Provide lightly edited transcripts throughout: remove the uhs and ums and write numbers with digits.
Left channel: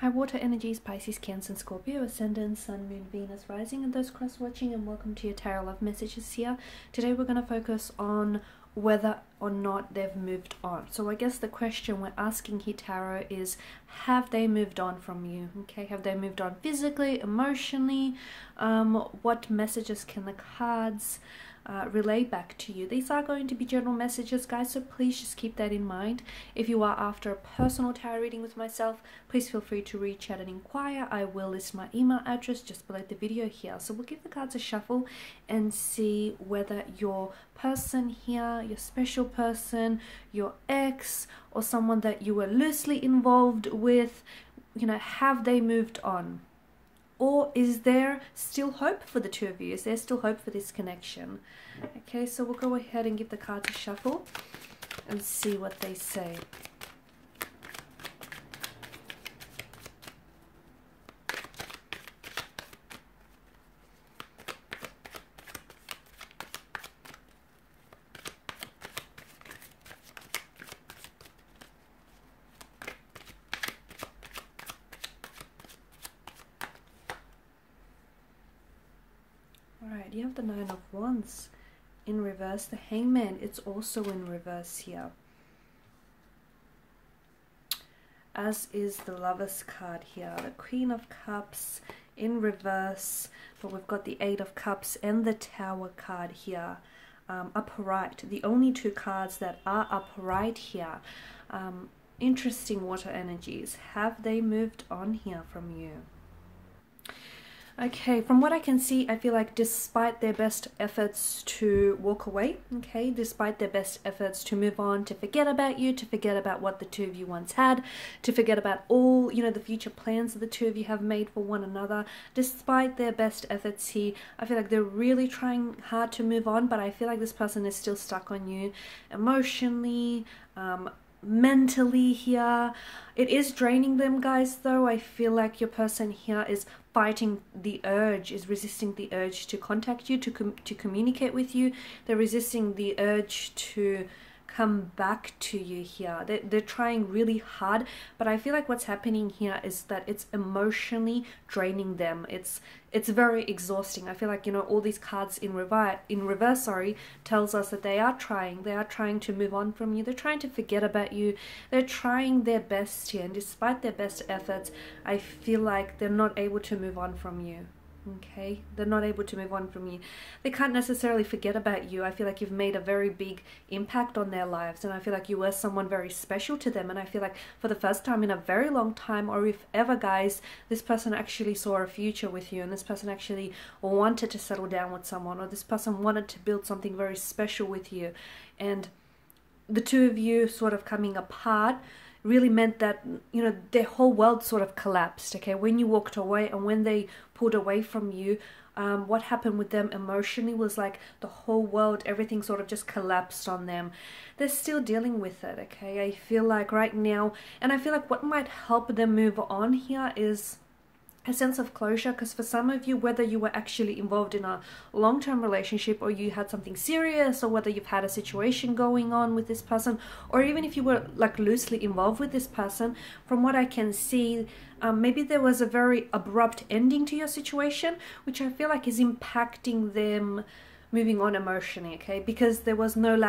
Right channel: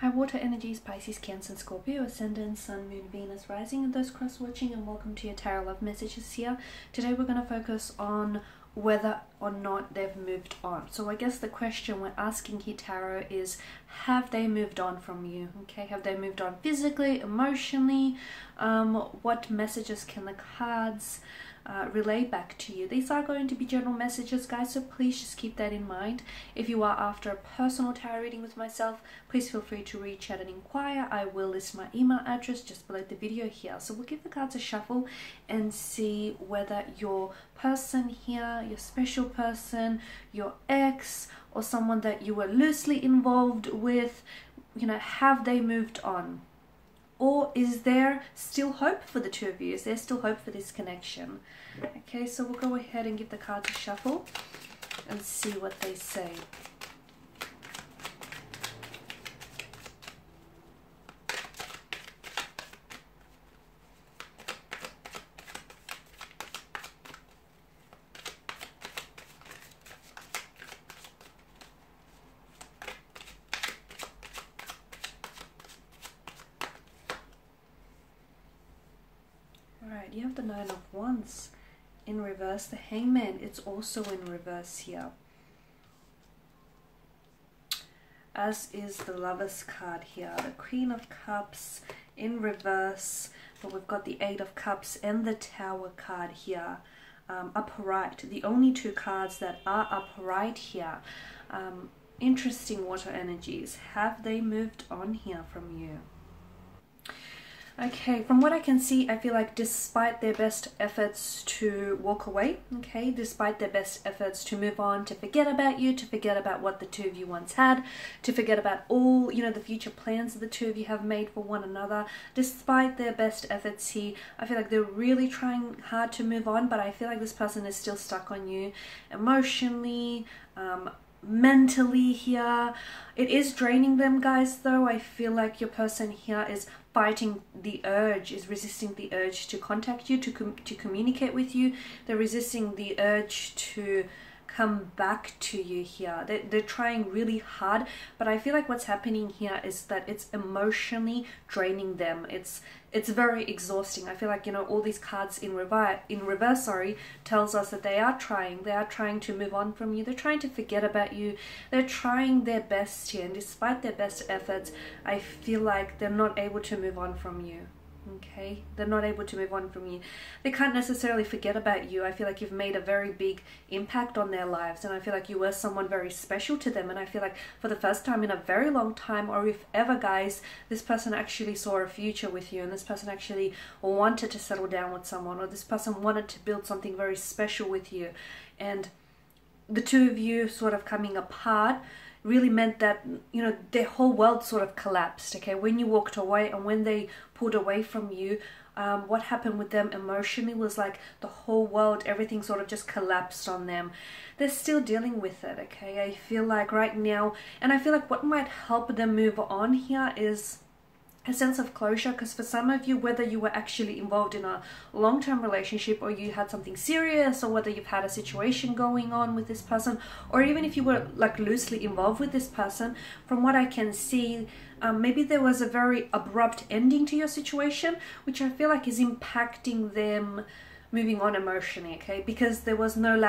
Hi water energies, Pisces, Cancer, and Scorpio, Ascendant, Sun, Moon, Venus, Rising, and those cross-watching, and welcome to your Tarot Love Messages here. Today we're going to focus on whether or not they've moved on. So I guess the question we're asking here, Tarot, is have they moved on from you? Okay, have they moved on physically, emotionally? What messages can the cards relay back to you? These are going to be general messages, guys, so please just keep that in mind. If you are after a personal tarot reading with myself, please feel free to reach out and inquire. I will list my email address just below the video here. So we'll give the cards a shuffle and see whether your person here, your special person, your ex, or someone that you were loosely involved with, you know, have they moved on? Or is there still hope for the two of you? Is there still hope for this connection? Okay, so we'll go ahead and give the cards a shuffle and see what they say. Alright, you have the Nine of Wands in reverse. The Hangman, it's also in reverse here. As is the Lover's card here. The Queen of Cups in reverse. But we've got the Eight of Cups and the Tower card here. Upright. The only two cards that are upright here. Interesting water energies. Have they moved on here from you? Okay, from what I can see, I feel like despite their best efforts to walk away, okay, despite their best efforts to move on, to forget about you, to forget about what the two of you once had, to forget about all, you know, the future plans that the two of you have made for one another, despite their best efforts here, I feel like they're really trying hard to move on, but I feel like this person is still stuck on you emotionally, mentally here. It is draining them, guys, though. I feel like your person here is fighting the urge, is resisting the urge to contact you, to communicate with you. They're resisting the urge to come back to you here. They're trying really hard, but I feel like what's happening here is that it's emotionally draining them. It's very exhausting. I feel like, you know, all these cards in reverse, sorry, tells us that they are trying to move on from you. They're trying to forget about you. They're trying their best here, and despite their best efforts, I feel like they're not able to move on from you. Okay, they're not able to move on from you. They can't necessarily forget about you. I feel like you've made a very big impact on their lives, and I feel like you were someone very special to them. And I feel like for the first time in a very long time, or if ever, guys, this person actually saw a future with you, and this person actually wanted to settle down with someone, or this person wanted to build something very special with you. And the two of you sort of coming apart really meant that, you know, their whole world sort of collapsed, okay? When you walked away and when they pulled away from you, what happened with them emotionally was like the whole world, everything sort of just collapsed on them. They're still dealing with it, okay? I feel like right now, and I feel like what might help them move on here is a sense of closure, because for some of you, whether you were actually involved in a long-term relationship, or you had something serious, or whether you've had a situation going on with this person, or even if you were like loosely involved with this person, from what I can see, maybe there was a very abrupt ending to your situation, which I feel like is impacting them moving on emotionally, okay? Because there was no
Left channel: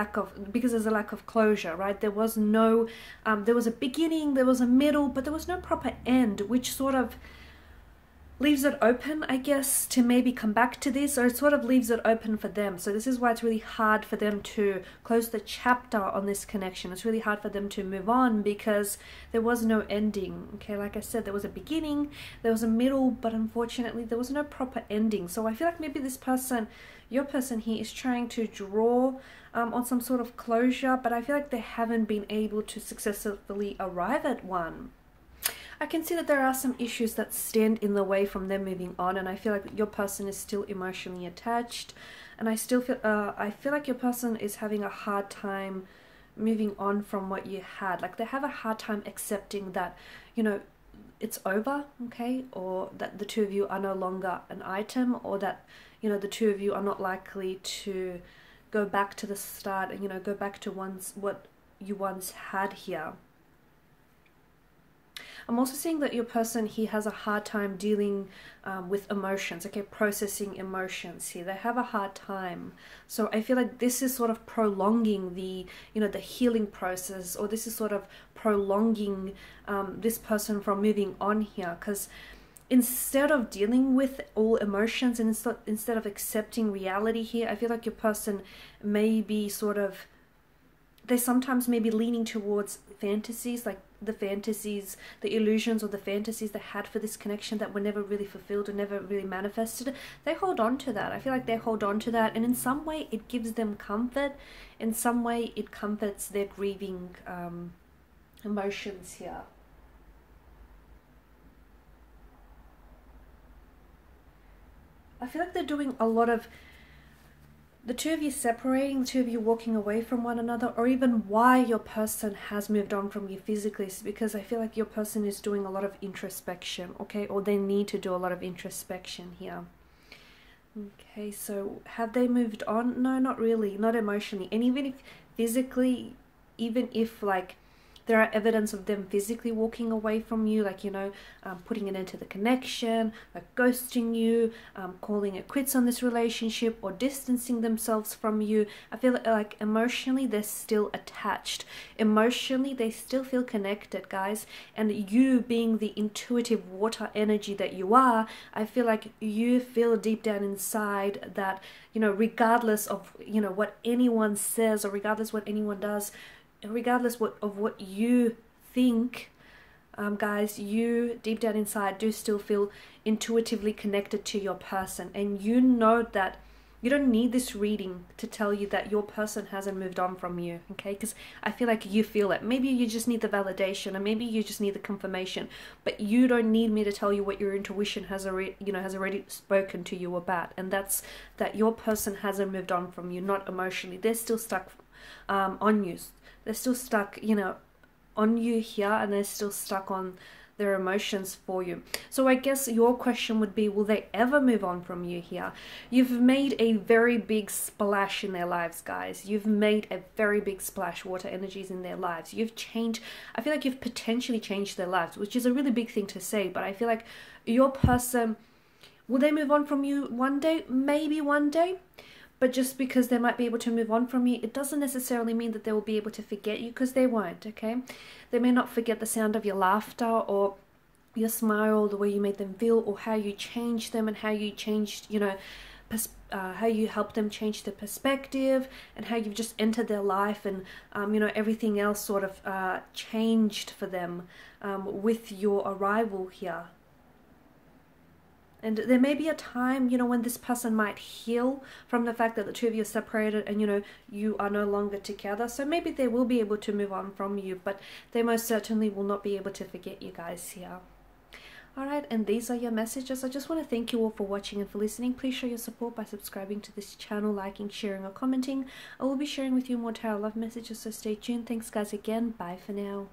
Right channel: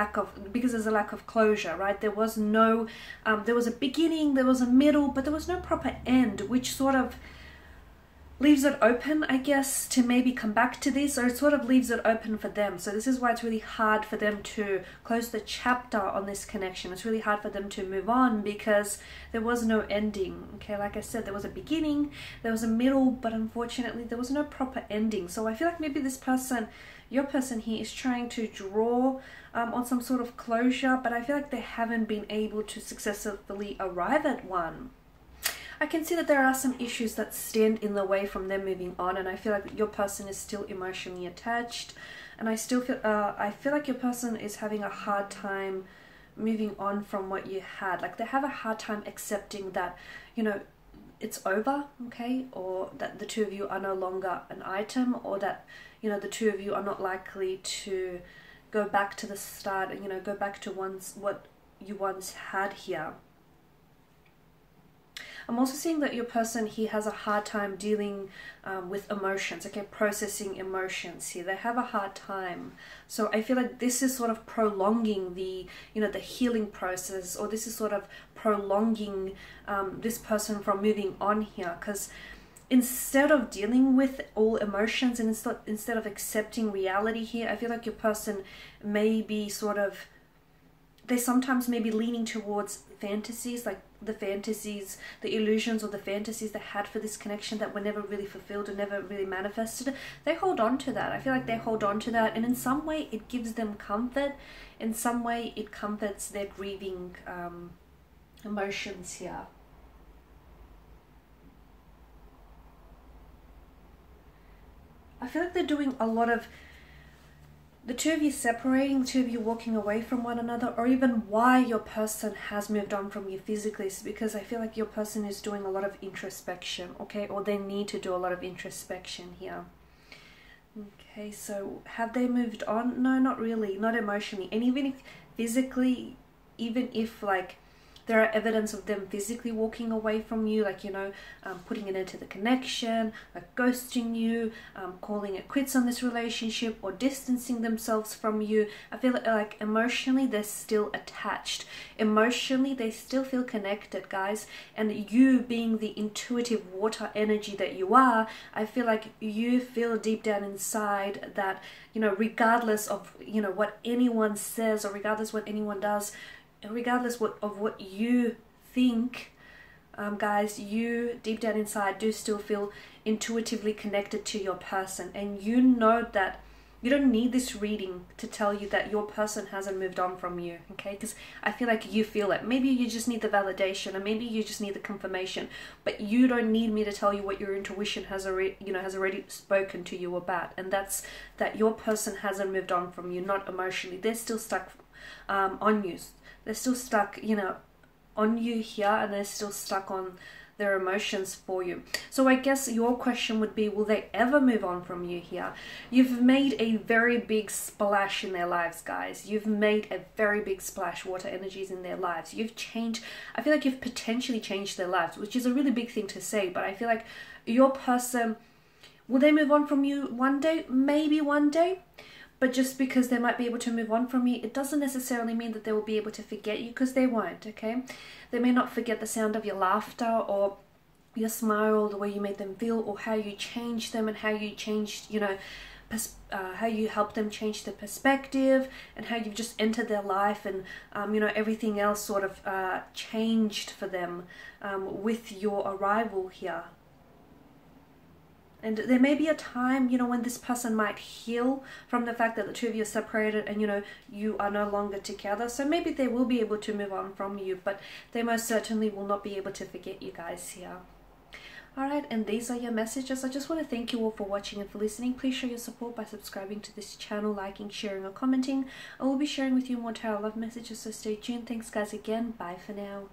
because there's a lack of closure, right? There was no, there was a beginning, there was a middle, but there was no proper end, which sort of leaves it open, I guess, to maybe come back to this, or it sort of leaves it open for them. So this is why it's really hard for them to close the chapter on this connection. It's really hard for them to move on because there was no ending, okay? Like I said, there was a beginning, there was a middle, but unfortunately there was no proper ending. So I feel like maybe this person, your person here, is trying to draw on some sort of closure, but I feel like they haven't been able to successfully arrive at one. I can see that there are some issues that stand in the way from them moving on, and I feel like your person is still emotionally attached, and I feel like your person is having a hard time moving on from what you had. Like they have a hard time accepting that, you know, it's over, okay, or that the two of you are no longer an item, or that, you know, the two of you are not likely to go back to the start, you know, go back to what you once had here. I'm also seeing that your person, he has a hard time dealing with emotions, okay, processing emotions here. They have a hard time. So I feel like this is sort of prolonging the, you know, the healing process, or this is sort of prolonging this person from moving on here, because instead of dealing with all emotions and instead of accepting reality here, I feel like your person may be sort of, they sometimes may be leaning towards fantasies, like the fantasies, the illusions or the fantasies they had for this connection that were never really fulfilled or never really manifested. They hold on to that. I feel like they hold on to that, and in some way it gives them comfort. In some way it comforts their grieving emotions here. I feel like they're doing a lot of, the two of you separating, the two of you walking away from one another, or even why your person has moved on from you physically is because I feel like your person is doing a lot of introspection, okay, or they need to do a lot of introspection here. Okay, so have they moved on? No, not really, not emotionally. And even if physically, even if like there are evidence of them physically walking away from you, like, you know, putting an end to the connection, like ghosting you, calling it quits on this relationship, or distancing themselves from you. I feel like emotionally they're still attached. Emotionally they still feel connected, guys. And you being the intuitive water energy that you are, I feel like you feel deep down inside that, you know, regardless of, you know, what anyone says, or regardless what anyone does, regardless of what you think, guys, you deep down inside do still feel intuitively connected to your person. And you know that you don't need this reading to tell you that your person hasn't moved on from you, okay? Because I feel like you feel it. Maybe you just need the validation, and maybe you just need the confirmation, but you don't need me to tell you what your intuition has already, you know, has already spoken to you about. And that's that your person hasn't moved on from you, not emotionally. They're still stuck on you. They're still stuck, you know, on you here, and they're still stuck on their emotions for you. So I guess your question would be, will they ever move on from you here? You've made a very big splash in their lives, guys. You've made a very big splash, water energies, in their lives. You've changed, I feel like you've potentially changed their lives, which is a really big thing to say, but I feel like your person, will they move on from you one day? Maybe one day. But just because they might be able to move on from you, it doesn't necessarily mean that they will be able to forget you, because they won't, okay? They may not forget the sound of your laughter, or your smile, the way you made them feel, or how you changed them, and how you changed, you know, how you helped them change their perspective, and how you've just entered their life, and, you know, everything else sort of changed for them with your arrival here. And there may be a time, you know, when this person might heal from the fact that the two of you are separated and, you know, you are no longer together. So maybe they will be able to move on from you, but they most certainly will not be able to forget you guys here. Alright, and these are your messages. I just want to thank you all for watching and for listening. Please show your support by subscribing to this channel, liking, sharing, or commenting. I will be sharing with you more tarot love messages, so stay tuned. Thanks, guys, again. Bye for now.